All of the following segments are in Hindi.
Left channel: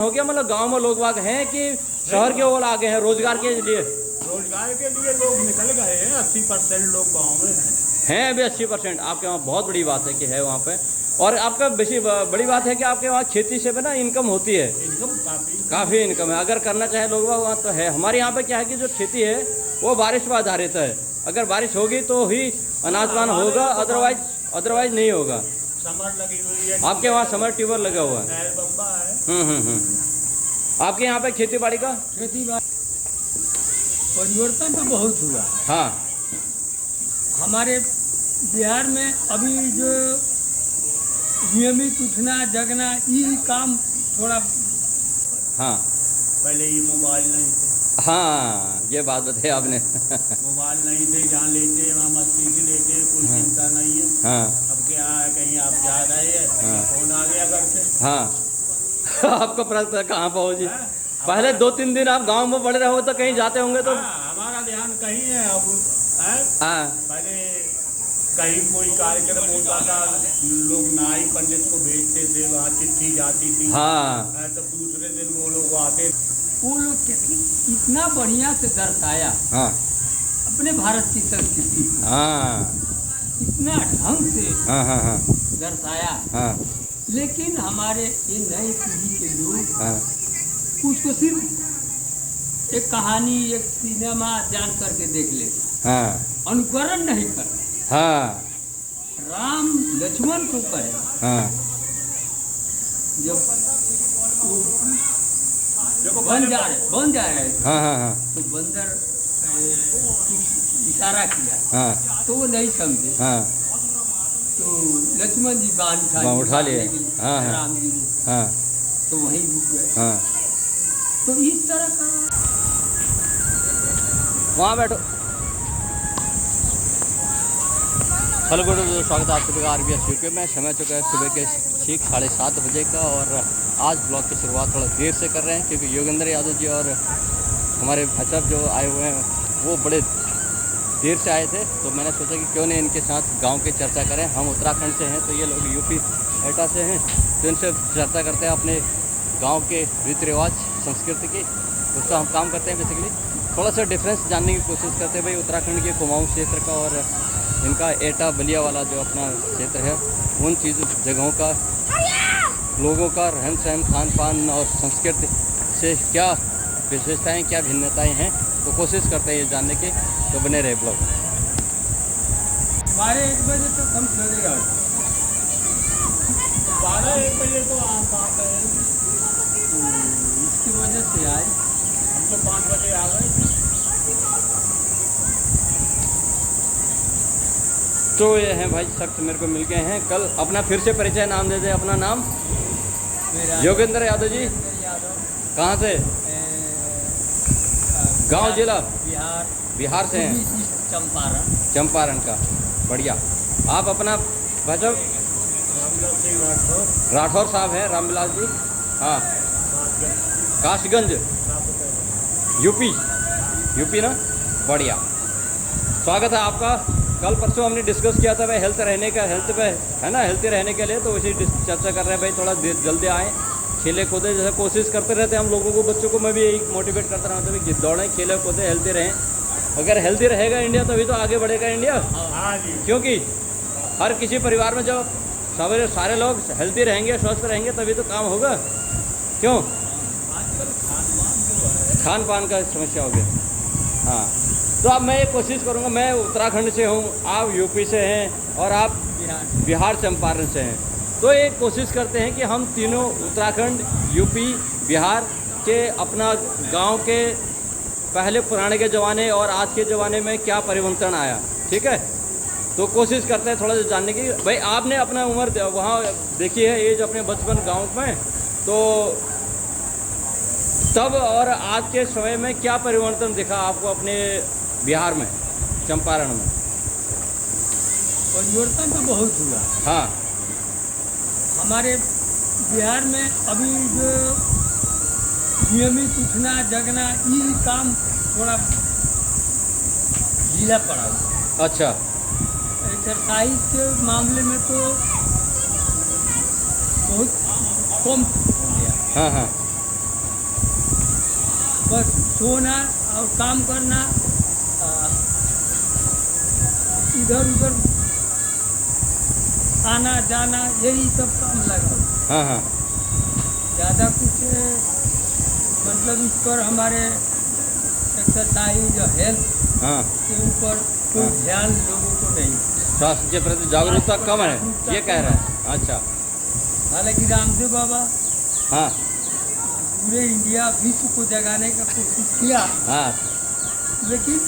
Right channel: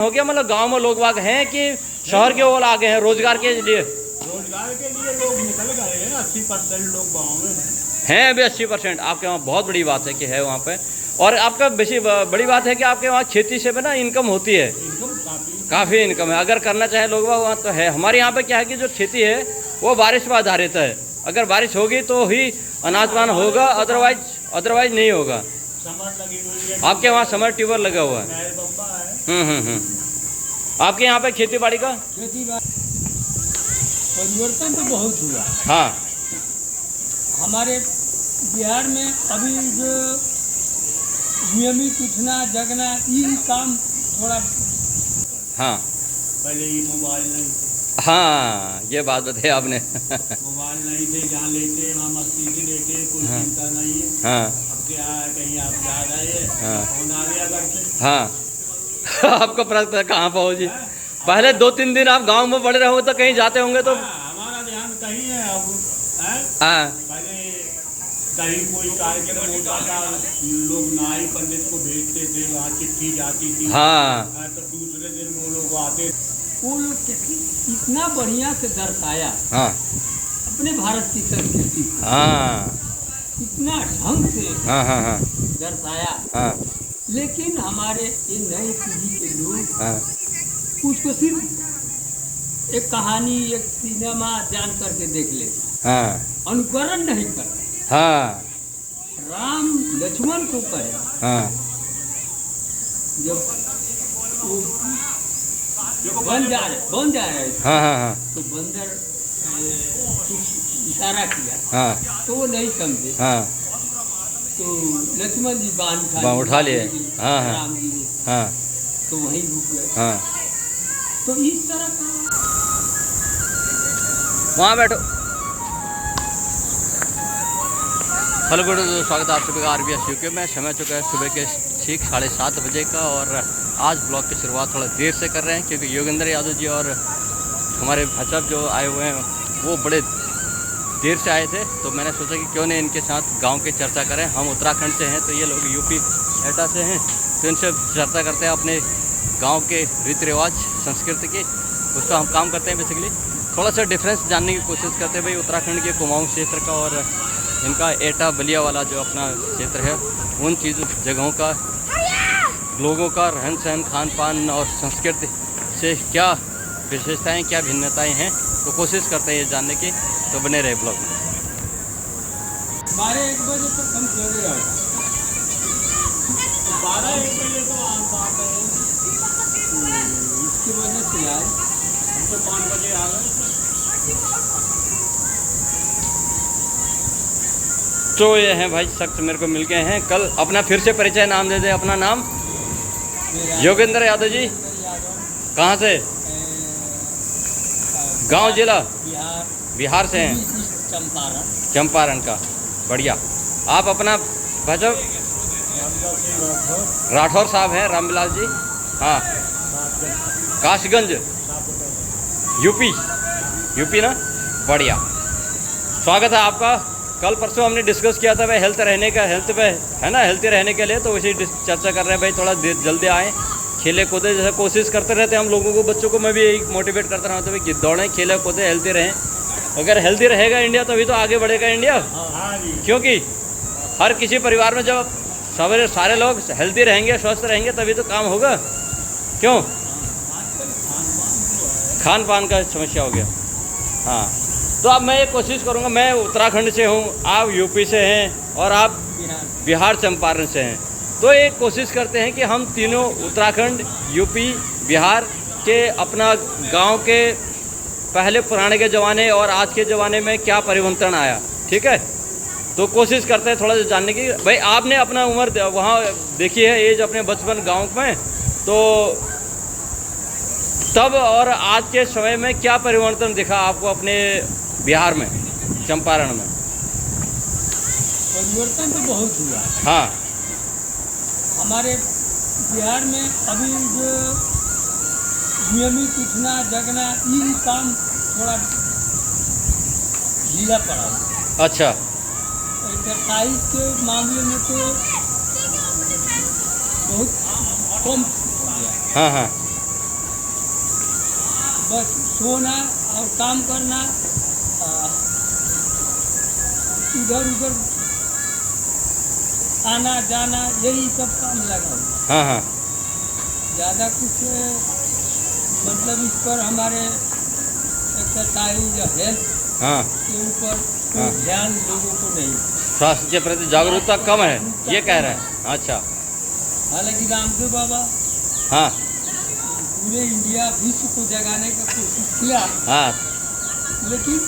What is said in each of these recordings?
हो गया, मतलब गांव में लोग वाग हैं कि शहर के ओर आ गए हैं रोजगार के लिए? रोजगार के लिए लोग निकल गए हैं, 80% लोग गाँव में हैं अभी 80%। आपके वहाँ बहुत बड़ी बात है कि है वहाँ पे। और आपका बड़ी बात है कि आपके वहाँ खेती से भी ना इनकम होती है, इनकम काफ़ी इनकम है। अगर करना चाहे लोग वहाँ तो है। हमारे यहाँ पे क्या है कि जो खेती है वो बारिश पर आधारित है। अगर बारिश होगी तो ही अनाज पान होगा, अदरवाइज नहीं होगा। समर लगी हुई है, आपके वहाँ समर ट्यूबवेल लगा हुआ है। नहर बम्बा है। आपके यहाँ पे खेती बाड़ी का खेती परिवर्तन तो बहुत हुआ। हाँ, हमारे बिहार में अभी जो नियमित उठना जगना ये काम थोड़ा, हाँ, पहले ये मोबाइल नहीं थे। हाँ, ये बात बताई आपने। मोबाइल नहीं थे, जहाँ लेते वहाँ मस्ती से लेते, कोई चिंता नहीं है। हाँ, अब क्या है, कहीं आप जा रहे हैं, हाँ। फोन आ गया घर से। हाँ। आपका प्रश्न कहाँ पहुँची? पहले 2-3 दिन आप गांव में बड़े रहोगे तो कहीं जाते होंगे तो हमारा ध्यान कहीं है अब है? हाँ, पहले कहीं कोई कार्यक्रम होता था, लोग नाई पंडित को भेजते थे, वहाँ चिट्ठी जाती थी। हाँ, तो दूसरे दिन वो लोग आते, वो लोग इतना बढ़िया से दर्शाया हाँ, अपने भारत की संस्कृति को, हाँ, इतना ढंग से हाँ, हाँ, हाँ, दर्शाया। हाँ, लेकिन हमारे ये नई पीढ़ी के लोग हाँ, उसको सिर्फ एक कहानी, एक सिनेमा जान करके देख लेता, हाँ, अनुकरण नहीं कर। हाँ, राम लक्ष्मण को कहे, हाँ, जब वो बन जा रहे थे, हाँ, हाँ, हाँ, तो बंदर कुछ इशारा किया, हाँ, तो वो नहीं समझे। हाँ, तो लक्ष्मण जी बांध उठा लिए। हाँ, हाँ, राम जी को, हाँ, तो वहीं रुक गए। हाँ, तो इस तरह का वहाँ बैठो। हेलो गुड, स्वागत है आप सभी का RBS UK में। समय चुका है सुबह के ठीक 7:30 बजे का और आज ब्लॉग की शुरुआत थोड़ा देर से कर रहे हैं क्योंकि योगेंद्र यादव जी और हमारे भाई साहब जो आए हुए हैं वो बड़े देर से आए थे। तो मैंने सोचा कि क्यों नहीं इनके साथ गांव की चर्चा करें। हम उत्तराखंड से हैं तो ये लोग यूपी एटा से हैं, तो इनसे चर्चा करते हैं अपने गाँव के रीति रिवाज संस्कृति की। उस पर हम काम करते हैं। बेसिकली थोड़ा सा डिफरेंस जानने की कोशिश करते हैं भाई उत्तराखंड के कुमाऊं क्षेत्र का और इनका एटा बलिया वाला जो अपना क्षेत्र है, उन जगहों का, लोगों का रहन सहन, खान पान और संस्कृति से क्या विशेषताएं, क्या भिन्नताएं हैं, तो कोशिश करते हैं ये जानने की। तो बने रहे ब्लॉग में। 12-1 बजे तक हम चले जाओ, 12-1 बजे तो आम बात है। इसकी वजह से आए, हम तो 5 बजे आ गए। तो ये हैं भाई शख्स मेरे को मिल गए हैं कल। अपना फिर से परिचय नाम दे दे अपना नाम। योगेंद्र यादव जी। कहाँ से? गांव जिला बिहार से हैं। चंपारण का, बढ़िया। आप अपना भाजपा राठौर साहब हैं, रामविलास जी। हाँ, काशगंज यूपी ना, बढ़िया। स्वागत है आपका। कल परसों हमने डिस्कस किया था भाई हेल्थ पे है ना, हेल्थी रहने के लिए, तो उसी चर्चा कर रहे हैं भाई थोड़ा जल्दी आएँ, खेले कूदे। जैसे कोशिश करते रहते हैं हम लोगों को, बच्चों को मैं भी यही मोटिवेट करता रहता हूँ भाई दौड़ें, खेले कूदे, हेल्थी रहें। अगर हेल्थी रहेगा इंडिया तभी तो आगे बढ़ेगा इंडिया। क्योंकि हर किसी परिवार में जब सारे लोग हेल्थी रहेंगे, स्वस्थ रहेंगे, तभी तो काम होगा। क्यों? खान पान का समस्या हो गया। हाँ, तो अब मैं ये कोशिश करूँगा, मैं उत्तराखंड से हूँ, आप यूपी से हैं और आप बिहार चंपारण से हैं। तो एक कोशिश करते हैं कि हम तीनों उत्तराखंड, यूपी, बिहार के अपना गांव के पहले पुराने के ज़माने और आज के ज़माने में क्या परिवर्तन आया, ठीक है? तो कोशिश करते हैं थोड़ा सा जानने की। भाई आपने अपना उम्र वहाँ देखी है, एज अपने बचपन गांव में, तो तब और आज के समय में क्या परिवर्तन दिखा आपको अपने बिहार में, चंपारण में? परिवर्तन तो बहुत हुआ। हाँ, हमारे बिहार में अभी जो नियमित उठना जगना ये काम थोड़ा ढीला पड़ा हुआ। अच्छा। एक्सरसाइज के मामले में तो बहुत कम हो गया। हाँ, हाँ, बस सोना और काम करना, इधर उधर आना जाना, यही सब काम लगा हुआ। हाँ हाँ ज़्यादा कुछ मतलब इस पर हमारे एक्सरसाइज या हेल्थ हाँ के ऊपर कोई हाँ। ध्यान लोगों को नहीं। स्वास्थ्य के प्रति जागरूकता कम है, ये कह रहे हैं। अच्छा हालांकि रामदेव बाबा हाँ पूरे इंडिया विश्व को जगाने का कोशिश किया, हाँ लेकिन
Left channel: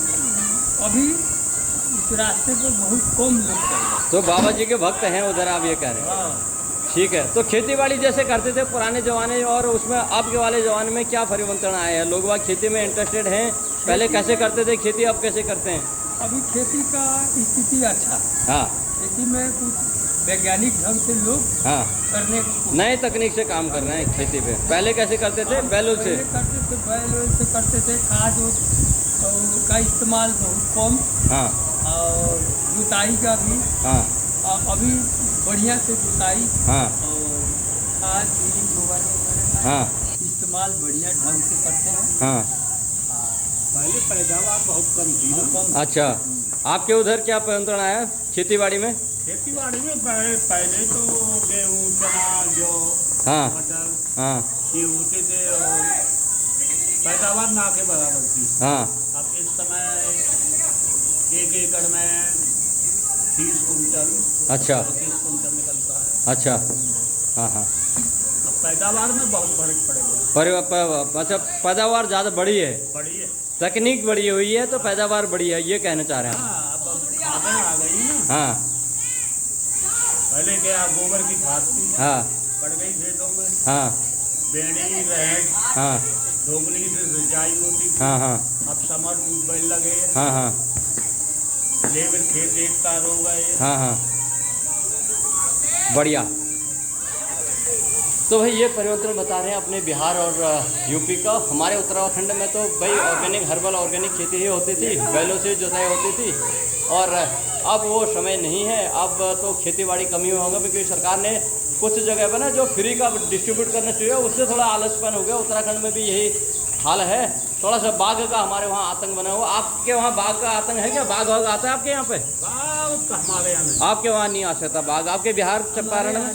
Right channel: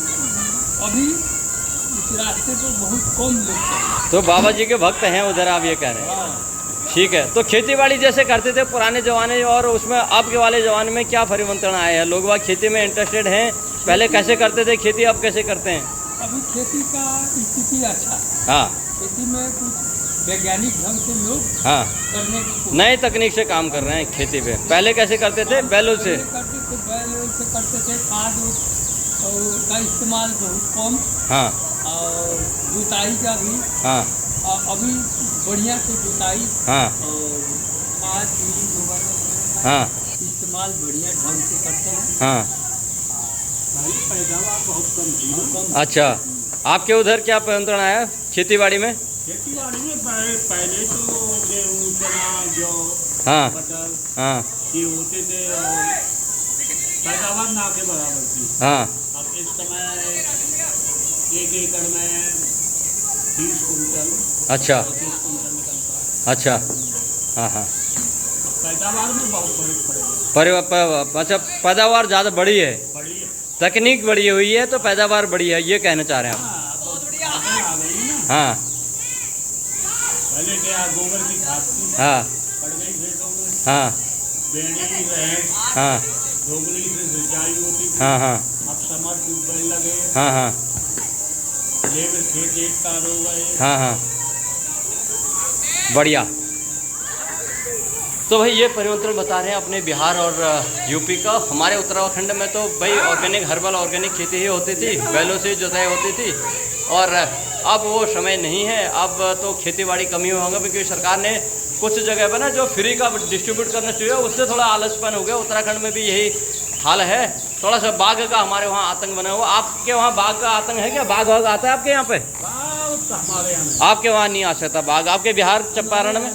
अभी इस रास्ते पर बहुत कम लोग चल रहे हैं। तो बाबा जी के भक्त हैं उधर, आप ये कह रहे हैं। हाँ। ठीक है, तो खेती बाड़ी जैसे करते थे पुराने जमाने और उसमें आपके वाले जमाने में क्या परिवर्तन आया है? लोग बाग खेती में इंटरेस्टेड हैं, पहले कैसे करते थे खेती, अब कैसे करते हैं? अभी खेती का स्थिति अच्छा है। हाँ खेती में कुछ वैज्ञानिक ढंग से लोग हाँ करने को नए तकनीक से काम कर रहे हैं खेती पे। पहले कैसे करते थे? बैलों से। पहले करते थे, बैल से करते थे। खाद और का इस्तेमाल बहुत कम, हाँ और जुताई का भी हाँ अभी बढ़िया से जुताई हाँ और खाद बीज गोबर वगैरह का हाँ इस्तेमाल बढ़िया ढंग से करते हैं। हाँ पहले पैदावार बहुत कम थी। कम अच्छा, आपके उधर क्या परिवर्तन आया खेती बाड़ी में? खेती बाड़ी में पहले तो गेहूँ, चना, जौ, हाँ मटर हाँ ये होते थे और पैदावार ना के बराबर थी। हाँ अब इस समय 1 एकड़ में 30 कुंटल अच्छा 30 कुंटल निकलता है। अच्छा हाँ हाँ अब पैदावार में बहुत फर्क पड़ेगा। अच्छा, पैदावार ज़्यादा बड़ी है, बड़ी है। तकनीक बड़ी हुई है तो पैदावार बड़ी है, ये कहना चाह रहे हैं आप? हाँ, अब खादें आ गई ना। हाँ पहले क्या गोबर की खाद थी, हाँ पड़ गई खेतों में। हाँ बेड़ी रहें, हाँ दोगुनी से सिंचाई होती थी। हाँ हाँ अब समर ट्यूबवेल लगे, हाँ हाँ लेबर खेत एक तार हो गए। हाँ हाँ बढ़िया। तो भाई ये परिवर्तन बता रहे हैं अपने बिहार और यूपी का। हमारे उत्तराखंड में तो भाई ऑर्गेनिक हर्बल ऑर्गेनिक खेती ही होती थी, बैलों से जुताई होती थी, और अब वो समय नहीं है। अब तो खेती बाड़ी कमी होगा क्योंकि सरकार ने कुछ जगह पर ना जो फ्री का डिस्ट्रीब्यूट करना चाहिए उससे थोड़ा आलसपन हो गया। उत्तराखंड में भी यही हाल है, थोड़ा सा बाघ का हमारे वहाँ आतंक बना हुआ। आपके वहाँ बाघ का आतंक है क्या? बाघ वाघ आता है आपके यहाँ पे? हमारे यहाँ आपके वहाँ नहीं आ सकता बाघ, आपके बिहार चंपारण में?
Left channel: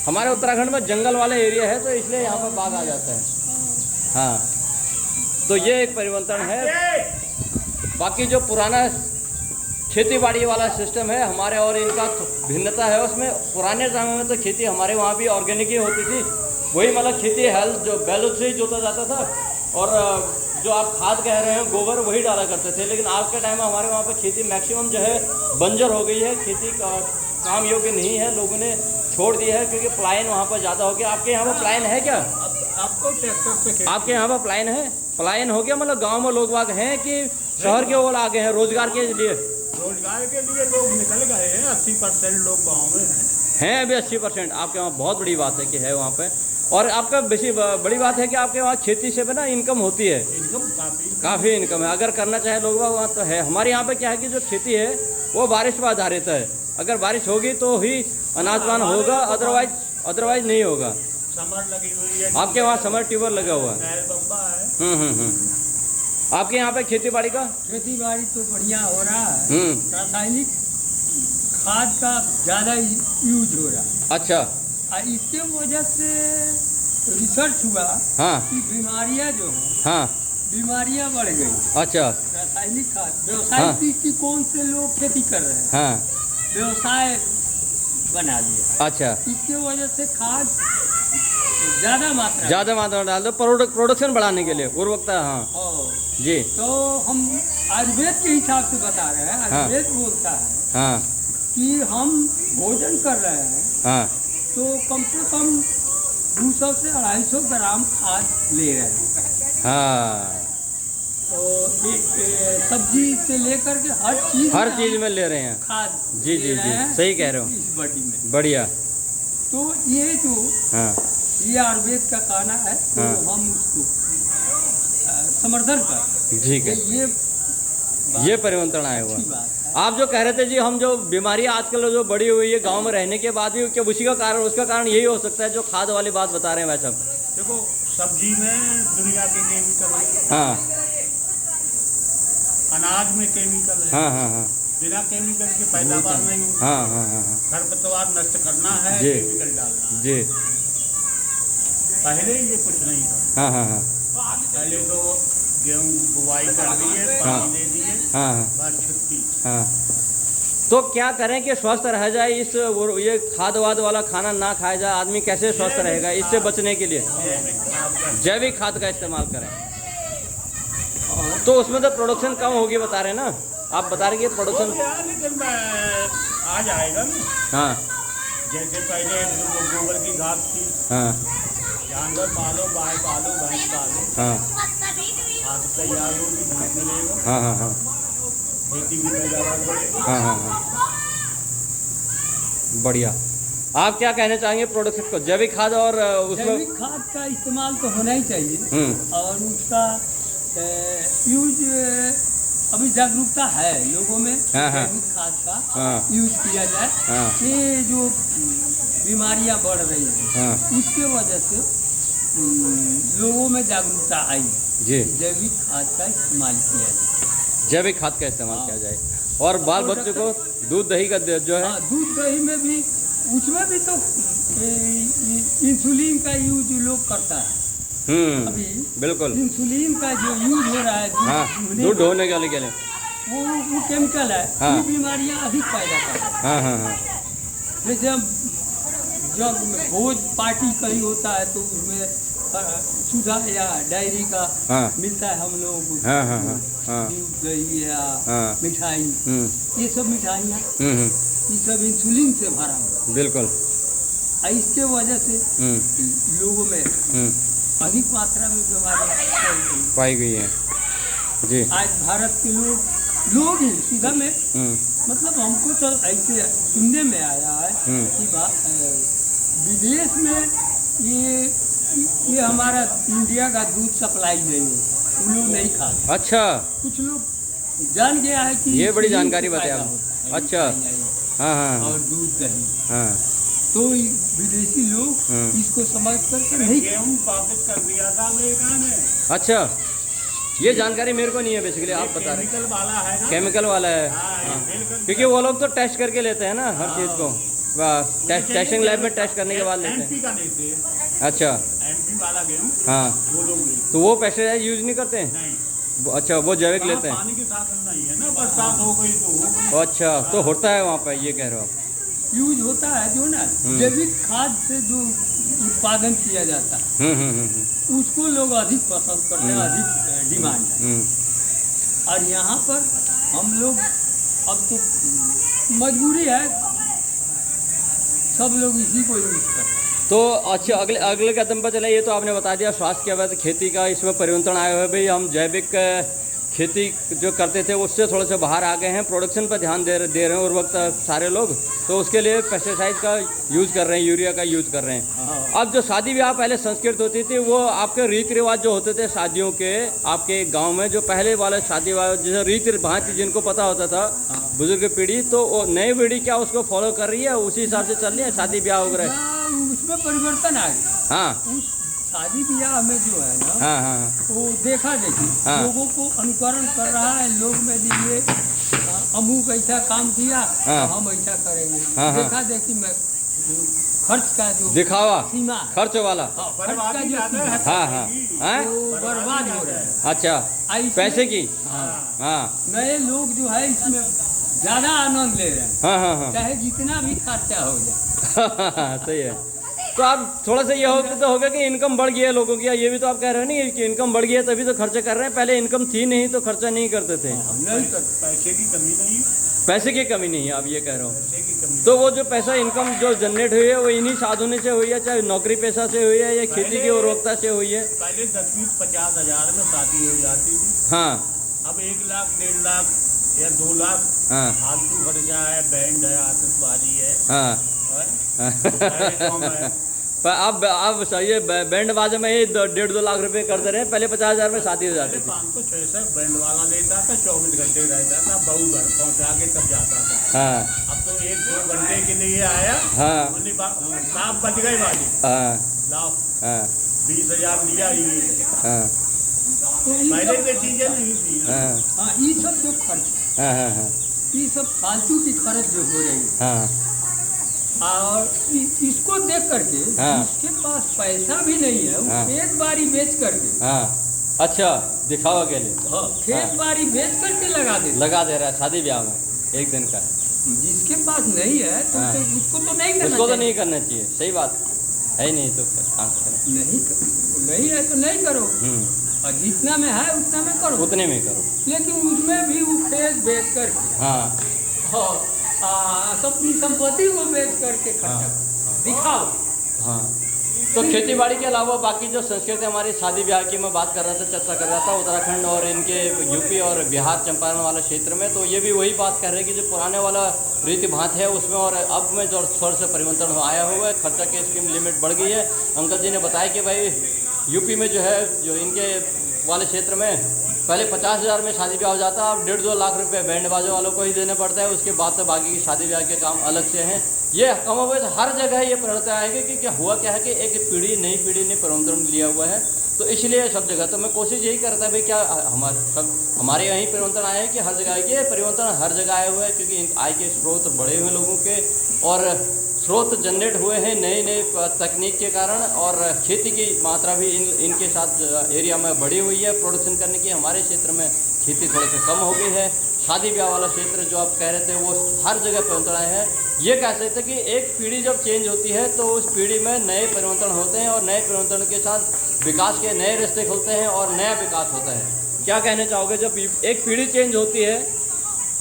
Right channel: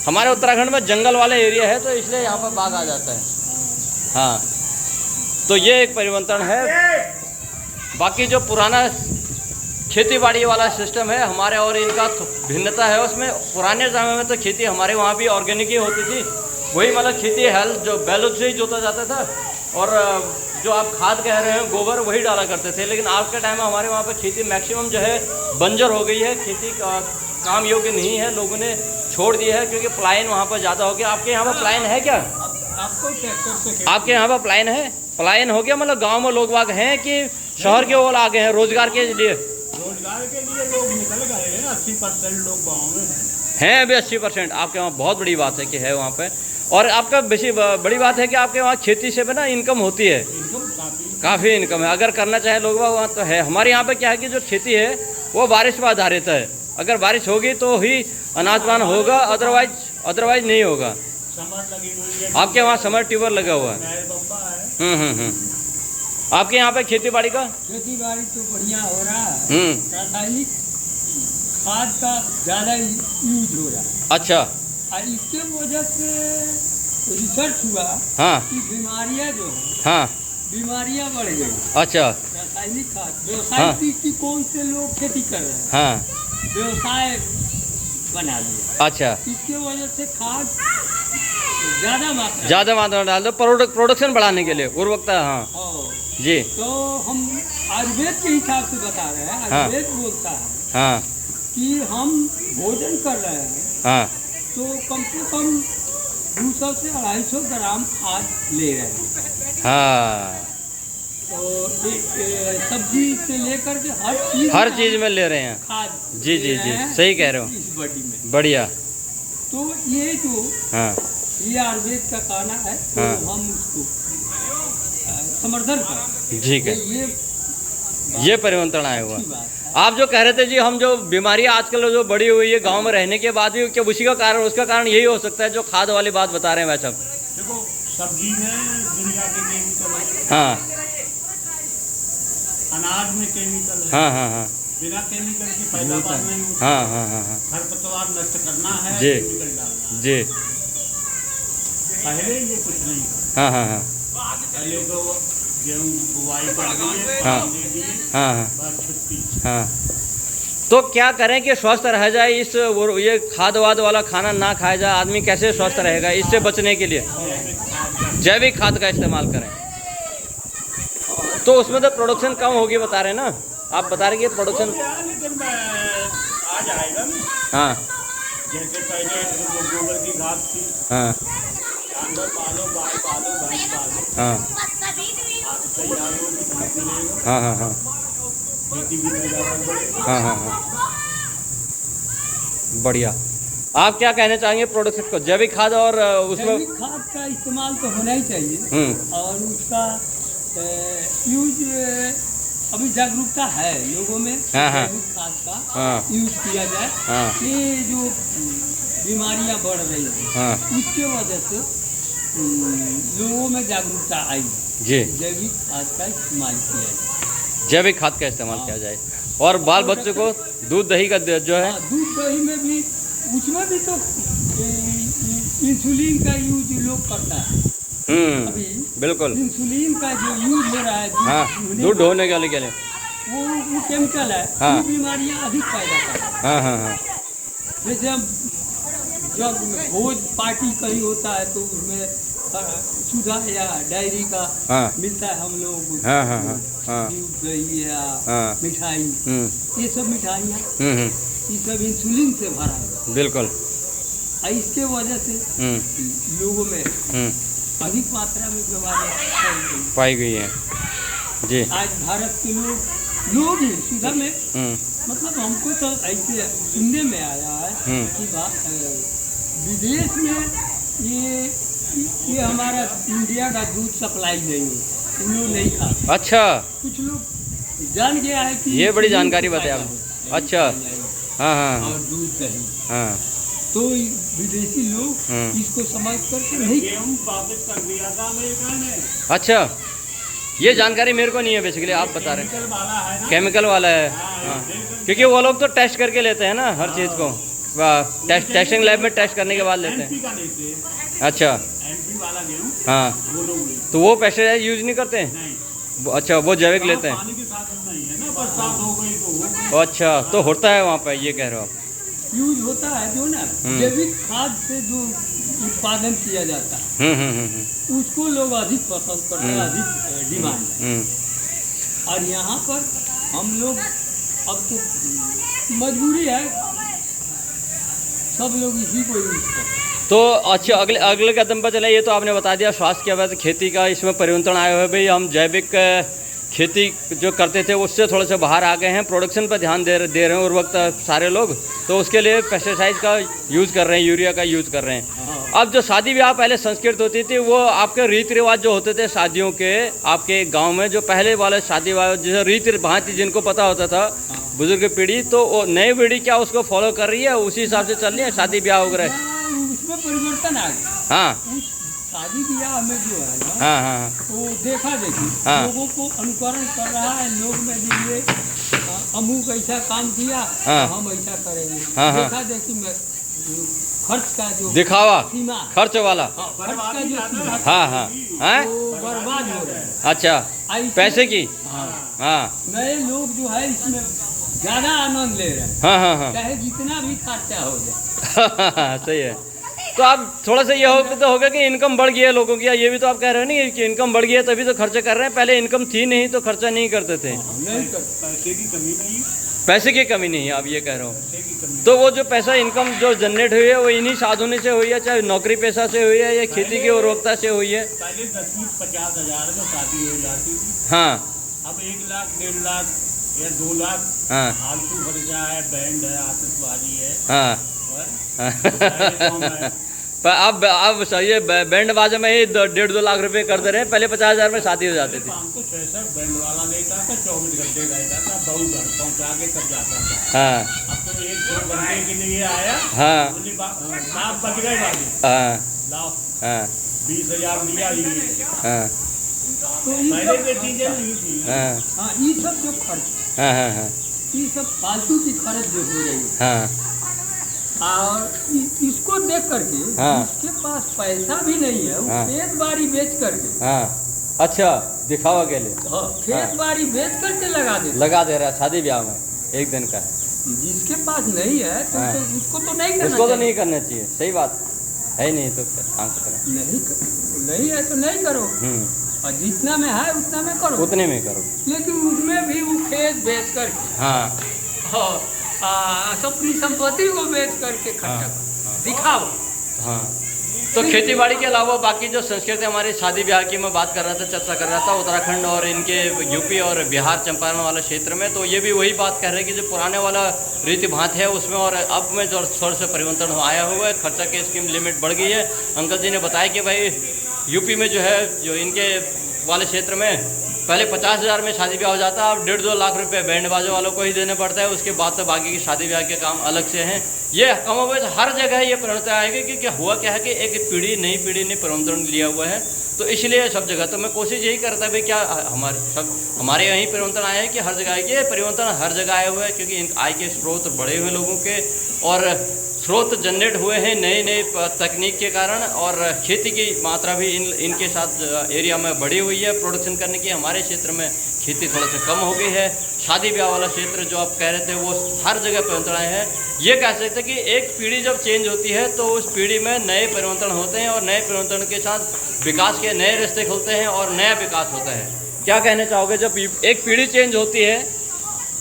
हमारे उत्तराखंड में जंगल वाला एरिया है तो इसलिए यहाँ पर बाघ आ जाता है। हाँ, तो ये एक परिवर्तन है। बाकी जो पुराना खेती बाड़ी वाला सिस्टम है हमारे और इनका भिन्नता है। उसमें पुराने समय में तो खेती हमारे वहाँ भी ऑर्गेनिक ही होती थी, वही मतलब खेती हेल्थ जो बैलों से ही जोता जाता था, और जो आप खाद कह रहे हैं गोबर वही डाला करते थे। लेकिन आज के टाइम में हमारे वहाँ पर खेती मैक्सिमम जो है बंजर हो गई है, खेती का काम योग्य नहीं है, लोगों ने छोड़ दिया है क्योंकि पलायन वहाँ पर ज़्यादा हो गया। आपके यहाँ पर पलायन है क्या? आपको ट्रैक्टर से आपके यहाँ पर पलायन है? पलायन हो गया मतलब गांव में लोग बाग हैं कि शहर के ओर आ गए हैं रोजगार के लिए? रोजगार के लिए लोग निकल गए हैं। 80% लोग गाँव में हैं अभी 80%। आपके वहाँ बहुत बड़ी बात है कि है वहाँ पे। और आपका बेसी बड़ी बात है कि आपके वहाँ खेती से भी ना इनकम होती है, इनकम काफ़ी इनकम है। अगर करना चाहे लोग वहाँ तो है। हमारे यहाँ पे क्या है कि जो खेती है वो बारिश पर आधारित है। अगर बारिश होगी तो ही अनाजपान होगा, अदरवाइज नहीं होगा। समर लगी हुई है। आपके वहाँ समर ट्यूबर लगा हुआ है? नहर बम्बा है। आपके यहाँ पे खेती बाड़ी का? खेती बाड़ी तो बढ़िया हो रहा है। रासायनिक खाद का ज़्यादा यूज हो रहा है। अच्छा। और इसके वजह से रिसर्च हुआ हाँ कि बीमारियां जो हैं, हाँ बीमारियां बढ़ गई। अच्छा। रासायनिक खाद व्यवसाय दृष्टिकोण से लोग खेती कर रहे हैं, हाँ व्यवसाय बना लिया। अच्छा। इसके वजह से खाद ज़्यादा मात्रा में डाल दो प्रोडक्शन बढ़ाने के लिए, उर्वरकता। हाँ जी। तो हम आयुर्वेद के हिसाब से बता रहे हैं। आयुर्वेद बोलता है हाँ कि हम भोजन कर रहे हैं हाँ तो कम से कम 200 से 250 ग्राम खाद ले रहे हैं। हाँ, तो सब्जी से लेकर के हर चीज में ले रहे हैं खाद। जी जी जी, सही कह रहे हो। इस बॉडी में बढ़िया। तो ये जो हाँ ये आयुर्वेद का कहना है तो हाँ। हम उसको समर्थन कर। ठीक है, ये परिवर्तन आया हुआ। बात है। आप जो कह रहे थे जी, हम जो बीमारियां आजकल जो बढ़ी हुई है गांव में रहने के बाद भी, क्या उसी का कारण, उसका कारण यही हो सकता है जो खाद वाली बात बता रहे हैं भाई साहब? देखो सब्जी में दुनिया के केमिकल है, हाँ अनाज में केमिकल है, हाँ हाँ हाँ बिना केमिकल के पैदावार नहीं होती। हाँ हाँ हाँ हाँ खरपतवार नष्ट करना है, जी। केमिकल डालना है। जी पहले ये कुछ नहीं था। हाँ हाँ हाँ पहले तो गेहूँ बुवाई कर रही है, हाँ। पानी दे दिए, हाँ हाँ बस छुट्टी। हाँ। तो क्या करें कि स्वस्थ रह जाए, इस वो ये खाद वाद वाला खाना ना खाया जाए, आदमी कैसे स्वस्थ रहेगा? इससे बचने के लिए जैविक खाद का इस्तेमाल करें। तो उसमें तो प्रोडक्शन कम होगी बता रहे हैं ना आप, बता रहे कि प्रोडक्शन लेकिन आ जाएगा ना। हाँ जैसे पहले गोबर की घास थी, हाँ जानवर पालो, गाय पालो, भैंस पालो, हाँ आज तैयार होगी, भैंस मिलेगा, हाँ हाँ हाँ खेती की पैदावार बढ़ेगी। हाँ हाँ हाँ बढ़िया। आप क्या कहना चाहेंगे प्रोडक्शन को, जैविक खाद और उसमें? जैविक खाद का इस्तेमाल तो होना ही चाहिए और उसका यूज अभी जागरूकता है लोगों में। हाँ, हाँ। जैविक खाद का हाँ यूज किया जाए। हाँ ये जो बीमारियां बढ़ रही हैं हाँ उसके वजह से लोगों में जागरूकता आई। जी, जैविक खाद का इस्तेमाल किया जाए। जैविक खाद का इस्तेमाल किया जाए और बाल बच्चों को दूध दही का जो है, हाँ, दूध दही में भी, उसमें भी तो इंसुलिन का यूज लोग करता है अभी। बिल्कुल। इंसुलिन का जो यूज हो रहा है हाँ दूध दूध ढोने के लिए। वो केमिकल है। हाँ। वो बीमारियां अधिक पैदा करता है। हाँ हाँ हाँ जैसे हम जब भोज पार्टी कहीं होता है तो उसमें सुधा या डायरी का हाँ मिलता है हम लोगों को। हाँ हाँ हाँ हाँ दूध दही या हाँ मिठाई, ये सब मिठाइयाँ ये सब इंसुलिन से भरा हुआ बिल्कुल। है। इसके वजह से लोगों में अधिक मात्रा में बीमारियां पाई गई है। जी। आज भारत के लोग ही सुधा में मतलब हमको तो ऐसे सुनने में आया है कि विदेश में ये हमारा इंडिया का दूध सप्लाई नहीं हो, उन लोग नहीं खाते। अच्छा, कुछ लोग जान गया है कि ये बड़ी जानकारी बताई आपने। आपने। अच्छा। हाँ हाँ और दूध दही, हाँ तो विदेशी लोग इसको समझ करके नहीं। गेहूँ वापस कर दिया था अमेरिका ने। अच्छा, ये जानकारी मेरे को नहीं है बेसिकली, आप बता रहे हैं। केमिकल वाला है ना। केमिकल वाला है। हाँ, क्योंकि वो लोग तो टेस्ट करके लेते हैं ना हर चीज़ को, टेस्टिंग लैब में टेस्ट करने के बाद लेते एमपी हैं। का लेते हैं। अच्छा। एमपी वाला गेहूँ हाँ, वो लोग लेते तो वो पेस्टिसाइड यूज नहीं करते हैं? नहीं। अच्छा, वो जैविक लेते हैं। पानी के साथ नहीं है ना, बरसात हो गई तो हो गई। अच्छा, तो होता है वहाँ पे, ये कह रहे हो आप? यूज होता है जो ना जैविक खाद से जो उत्पादन किया जाता है उसको लोग अधिक पसंद करते हैं, अधिक डिमांड है। और यहाँ पर हम लोग अब तो मजबूरी है, सब लोग इसी को यूज करते हैं। तो अच्छा, अगले कदम पर चले। ये तो आपने बता दिया स्वास्थ्य के बाद खेती का इसमें परिवर्तन आया हुआ है भाई, हम जैविक खेती जो करते थे उससे थोड़े से बाहर आ गए हैं, प्रोडक्शन पर ध्यान दे रहे हैं और वक्त सारे लोग, तो उसके लिए पेस्टिसाइड का यूज़ कर रहे हैं, यूरिया का यूज़ कर रहे हैं। अब जो शादी ब्याह पहले संस्कृत होती थी, वो आपके रीति रिवाज जो होते थे शादियों के, आपके गांव में जो पहले वाले शादी ब्याह जैसे रीति भांति जिनको पता होता था बुजुर्ग पीढ़ी, तो वो नई पीढ़ी क्या उसको फॉलो कर रही है, उसी हिसाब से चल रही है शादी ब्याह वगैरह? उसमें परिवर्तन आ गया। हाँ, शादी ब्याह में जो है ना, हाँ हाँ वो देखा देखी हाँ। लोगों को अनुकरण कर रहा है। लोग में ये अमुक ऐसा काम किया हाँ। तो हम ऐसा करेंगे। हाँ, हाँ। देखा देखी में खर्च का जो दिखावा, सीमा है, खर्च वाला। खर्च का जो सीमा है, हाँ हाँ हाँ। वो बर्बाद हो रहा है। अच्छा, ऐसे- पैसे की। हाँ, हाँ नए लोग जो है इसमें ज्यादा आनंद ले रहे हैं, हाँ हाँ हाँ चाहे जितना भी खर्चा हो जाए। सही है। तो आप थोड़ा सा ये होगा कि इनकम बढ़ गई है लोगों की, ये भी तो आप कह रहे हो नहीं कि इनकम बढ़ गई है तभी तो खर्चा कर रहे हैं, पहले इनकम थी नहीं तो खर्चा नहीं करते थे। नहीं करते। पैसे की कमी नहीं, पैसे की कमी नहीं है, आप ये कह रहे हो। पैसे की कमी। तो वो जो पैसा इनकम जो जनरेट हुई है वो इन्हीं साधनों से हुई है, चाहे नौकरी पेशा से हुई है या खेती की उर्वरकता से हुई है? पहले 10-20-50 हज़ार में शादी हो जाती थी। हाँ अब 1 लाख 1.5 लाख या 2 लाख हाँ फालतू खर्चा है, बैंड है, आतिशबाजी है। हाँ है। पर अब ये बैंड बाजा में ही 1.5-2 लाख रुपए कर दे रहे हैं, पहले 50,000 में शादी हो जाती थी। 500-600 बैंड वाला लेता था, 24 घंटे रहता था, बहू घर पहुंचा के तब जाता था। हाँ अब तो 1-2 घंटे के लिए आया, हाँ साफ बज गई वाली, हाँ लाओ हाँ 20,000 दिया ये। हाँ तो ये पहले सब- ये चीजें नहीं थी। हाँ हाँ, ये सब जो खर्च, हाँ हाँ हाँ ये सब फालतू की खर्च जो हो रही है, हाँ और इसको देख करके हाँ। जिसके पास पैसा भी नहीं है, वो हाँ। खेत बाड़ी बेच करके, हाँ। अच्छा, दिखावा के लिए हाँ, खेत बाड़ी बेच करके लगा देते। लगा दे रहा है शादी ब्याह में एक दिन का। जिसके पास नहीं है तो, हाँ। तो उसको तो नहीं करना उसको तो चाहिए। नहीं करना चाहिए, सही बात है ही नहीं तो काम करें। नहीं है तो नहीं करो, और जितना में है उतना में करो, उतने में करो। लेकिन उसमें भी वो खेत बेच करके, हाँ अपनी संपत्ति को बेच करके खर्चा हाँ। करो, दिखाओ। हाँ। तो खेती बाड़ी के अलावा बाकी जो संस्कृति हमारी शादी ब्याह की मैं बात कर रहा था, चर्चा कर रहा था उत्तराखंड और इनके यूपी और बिहार चंपारण वाला क्षेत्र में, तो ये भी वही बात कर रहे हैं कि जो पुराने वाला रीति भात है उसमें और अब में जो थोड़ा सा परिवर्तन आया हुआ है, खर्चा की स्कीम लिमिट बढ़ गई है। अंकल जी ने बताया कि भाई यूपी में जो है, जो इनके वाले क्षेत्र में पहले 50,000 में शादी ब्याह हो जाता है, अब 1.5-2 लाख रुपए बैंड बाजों वालों को ही देने पड़ता है। उसके बाद तो बाकी की शादी ब्याह के काम अलग से हैं। ये कमोबेश हर जगह ये परिवर्तन आएगा, क्योंकि हुआ क्या है कि एक पीढ़ी नई पीढ़ी ने परिवर्तन लिया हुआ है, तो इसलिए सब जगह तो मैं कोशिश यही करता है भाई क्या हमारे यहीं परिवर्तन आया है कि हर जगह ये परिवर्तन हर जगह आया हुआ है, क्योंकि आय के स्रोत बढ़े हुए लोगों के और स्रोत जनरेट हुए हैं नए नए तकनीक के कारण, और खेती की मात्रा भी इनके साथ एरिया में बढ़ी हुई है प्रोडक्शन करने की। हमारे क्षेत्र में खेती थोड़ा सा कम हो गई है। शादी ब्याह वाला क्षेत्र जो आप कह रहे थे वो हर जगह परिवर्तन आए हैं। ये कह सकते हैं कि एक पीढ़ी जब चेंज होती है तो उस पीढ़ी में नए परिवर्तन होते हैं, और नए परिवर्तन के साथ विकास के नए रास्ते खुलते हैं और नया विकास होता है। क्या कहना चाहोगे, जब एक पीढ़ी चेंज होती है,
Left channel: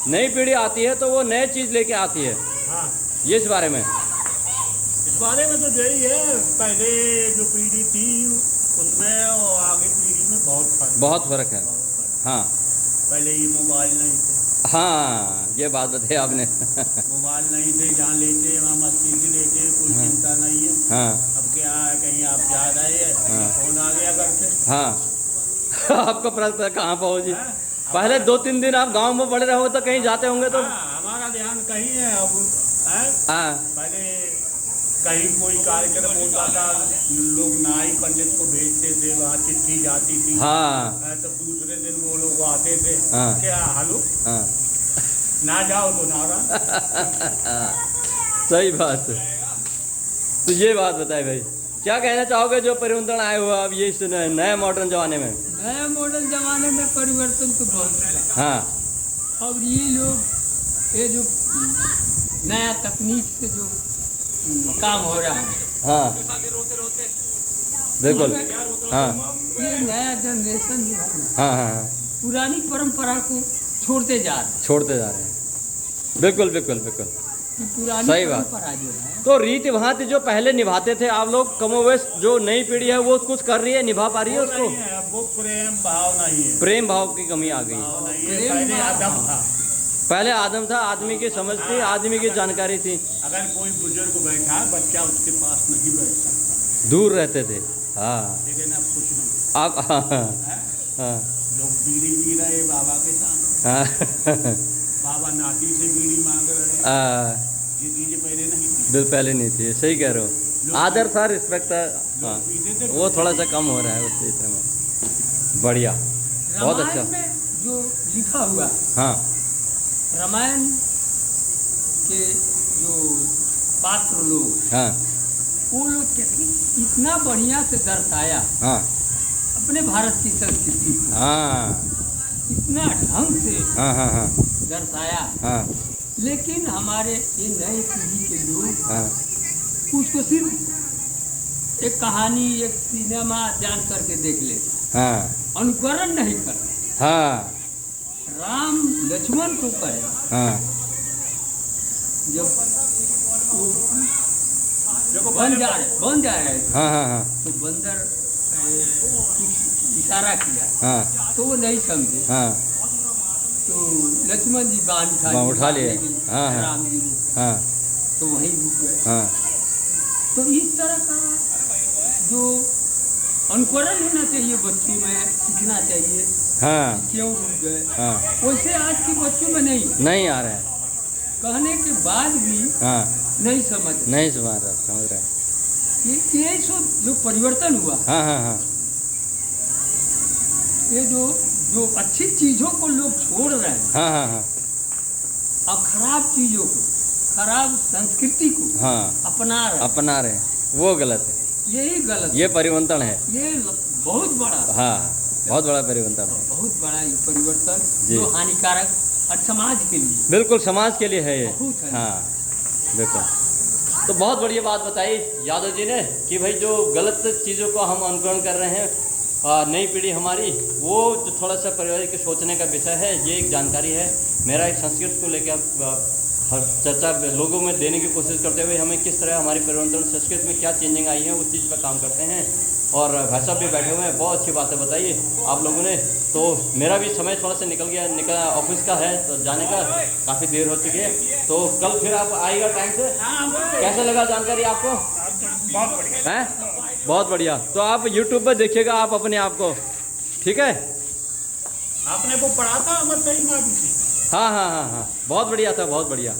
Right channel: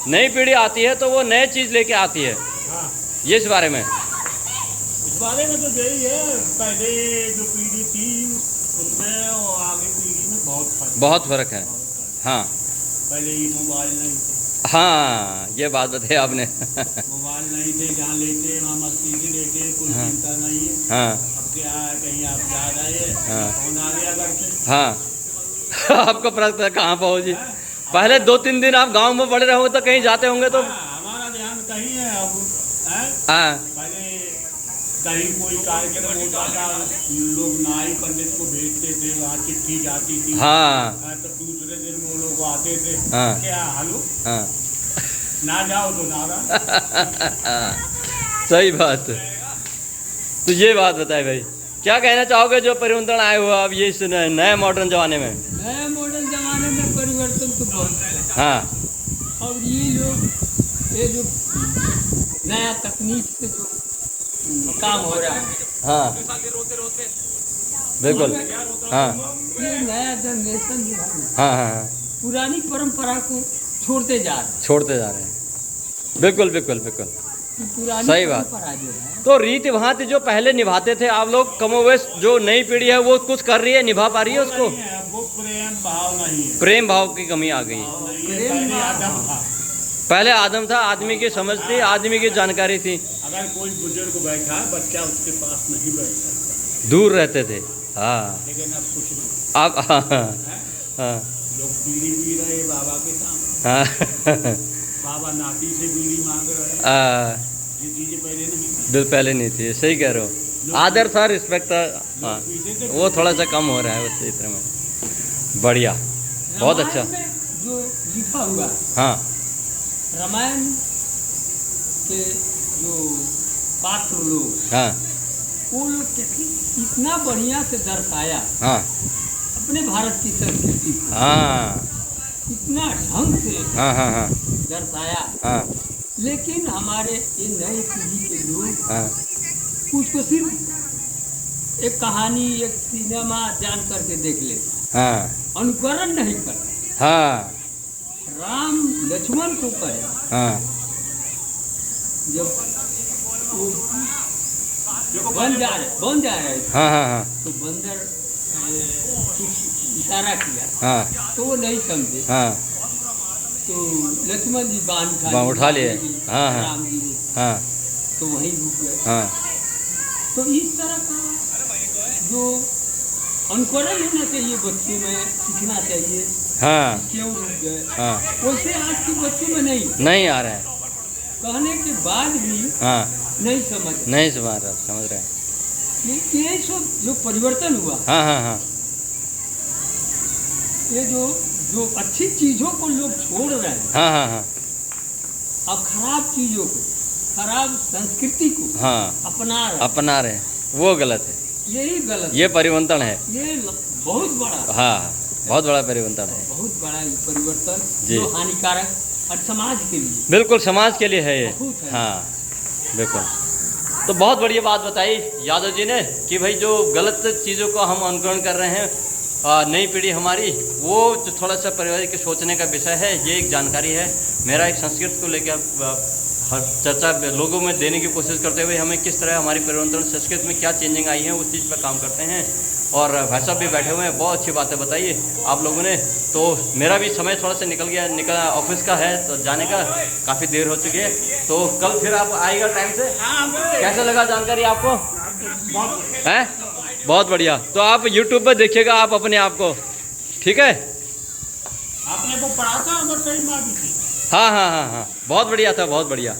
नई पीढ़ी आती है तो वो नए चीज़ लेके आती है, हाँ, ये इस बारे में? इस बारे में तो यही है, पहले जो पीढ़ी थी उसमें और आगे पीढ़ी में बहुत फर्क है। हाँ पहले ये मोबाइल नहीं थे। हाँ, ये बात बताई आपने। मोबाइल नहीं थे, जहाँ लेते वहाँ मस्ती से लेते, कोई हाँ। चिंता नहीं है। हाँ अब क्या है, कहीं आप जा रहे हैं, हाँ। फोन आ गया घर से। हाँ आपको पता कहाँ पहुँची? पहले 2-3 दिन आप गांव में पड़े रहोगे तो कहीं जाते होंगे तो हाँ, हमारा ध्यान कहीं है अब है? हाँ पहले कहीं कोई कार्यक्रम होता था, लोग नाई पंडित को भेजते थे, वहाँ चिट्ठी जाती थी। हाँ तो दूसरे दिन वो लोग आते थे, हाँ। क्या हेलो, हाँ ना जाओ तो नारा। सही बात। तो ये बात बताए भाई, क्या कहना चाहोगे जो परिवर्तन आए हुआ अब ये इस नए मॉडर्न जमाने में? नए मॉडर्न जमाने में परिवर्तन तो बहुत है। हाँ अब ये लोग ये जो नया तकनीक से जो काम हो रहा है, हाँ बिल्कुल। हाँ ये नया जनरेशन जो है ना, हाँ हाँ हाँ पुरानी परंपरा को छोड़ते जा रहे हैं। छोड़ते जा रहे हैं। बिल्कुल बिल्कुल बिल्कुल ये पुरानी सही बात। परंपरा जो है, तो रीति भांति जो पहले निभाते थे आप लोग, कमोवेश जो नई पीढ़ी है वो कुछ कर रही है, निभा पा रही है उसको? नहीं है, वो प्रेम भाव नहीं है। प्रेम भाव की कमी आ गई। भाव नहीं है, पहले आदम था। पहले आदम था, आदमी की समझ थी, आदमी की जानकारी थी, अगर कोई बुजुर्ग बैठा है, बच्चा उसके पास नहीं बैठ सकता, दूर रहते थे। हाँ लेकिन अब कुछ नहीं। अब हाँ हाँ हाँ लोग बीड़ी पी रहे बाबा के सामने, हाँ बाबा नाती से बीड़ी मांग रहे, ये चीजें पहले नहीं थी। जो पहले नहीं थी, सही कह रहे हो। आदर था, रिस्पेक्ट था। हाँ पीते थे, वो थोड़ा सा कम हो रहा है उस क्षेत्र में। बढ़िया, बहुत अच्छा। रामायण में जो लिखा हुआ है, हाँ रामायण के जो पात्र लोग, हाँ वो लोग कहते हैं, इतना बढ़िया से दर्शाया हाँ अपने भारत की संस्कृति को, हाँ इतना ढंग से हाँ हाँ हाँ दर्शाया। हाँ लेकिन हमारे ये नई पीढ़ी के लोग हाँ उसको सिर्फ एक कहानी, एक सिनेमा जान करके देख लेते, हाँ अनुकरण नहीं करते। हाँ राम लक्ष्मण को कहे, हाँ जब वो बन जा रहे थे, हाँ हाँ हाँ तो बंदर कुछ इशारा किया हाँ तो वो नहीं समझे, हाँ तो लक्ष्मण जी बांध उठा लिए। हाँ हाँ राम जी हाँ तो वहीं रुक गए। हाँ तो इस तरह का जो अनुकरण होना चाहिए, बच्चों में सीखना चाहिए, हाँ क्यों रुक गए, हाँ वैसे आज के बच्चों में नहीं आ रहा है। कहने के बाद भी हाँ नहीं समझ। नहीं समझ रहा, समझ रहे हैं। ये सब जो परिवर्तन हुआ, हाँ हाँ हाँ, ये जो अच्छी चीजों को लोग छोड़ रहे हैं हाँ हाँ हाँ, और खराब चीजों को, खराब संस्कृति को हाँ अपना रहे हैं, वो गलत है। यही गलत ये परिवर्तन है। ये बहुत बड़ा, हाँ, बहुत बड़ा परिवर्तन है। बहुत बड़ा ये परिवर्तन जी। जो हानिकारक और समाज के लिए, बिल्कुल समाज के लिए है ये। बहुत है। हाँ बिल्कुल। तो बहुत बढ़िया बात बताई यादव जी ने कि भाई जो गलत चीज़ों को हम अनुकरण कर रहे हैं, नई पीढ़ी हमारी, वो तो थोड़ा सा परिवार के सोचने का विषय है। ये एक जानकारी है। मेरा एक संस्कृत को लेकर हर चर्चा लोगों में देने की कोशिश करते हुए हमें किस तरह हमारी परिवर्तन संस्कृत में क्या चेंजिंग आई है उस चीज़ पर काम करते हैं। और भाई साहब भी बैठे हुए हैं, बहुत अच्छी बातें बताइए आप लोगों ने। तो मेरा भी समय थोड़ा सा निकल ऑफिस का है, तो जाने का काफ़ी देर हो चुकी है। तो कल फिर आप आएगा टाइम से। कैसा लगा जानकारी आपको? हैं? बहुत बढ़िया। तो आप YouTube पर देखिएगा आप अपने आप को, ठीक है? आपने वो पढ़ा था अमर कई माँ भी थी। हाँ हाँ हाँ हाँ, बहुत बढ़िया था, बहुत बढ़िया।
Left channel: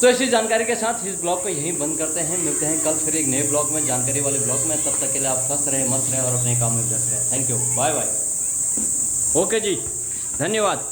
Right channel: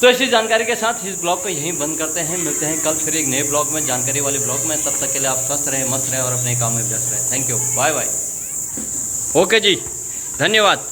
तो इसी जानकारी के साथ इस ब्लॉग को यहीं बंद करते हैं। मिलते हैं कल फिर एक नए ब्लॉग में, जानकारी वाले ब्लॉग में। तब तक के लिए आप स्वस्थ रहें, मस्त रहें और अपने काम में व्यस्त रहें। Thank you, bye bye. Okay जी, धन्यवाद।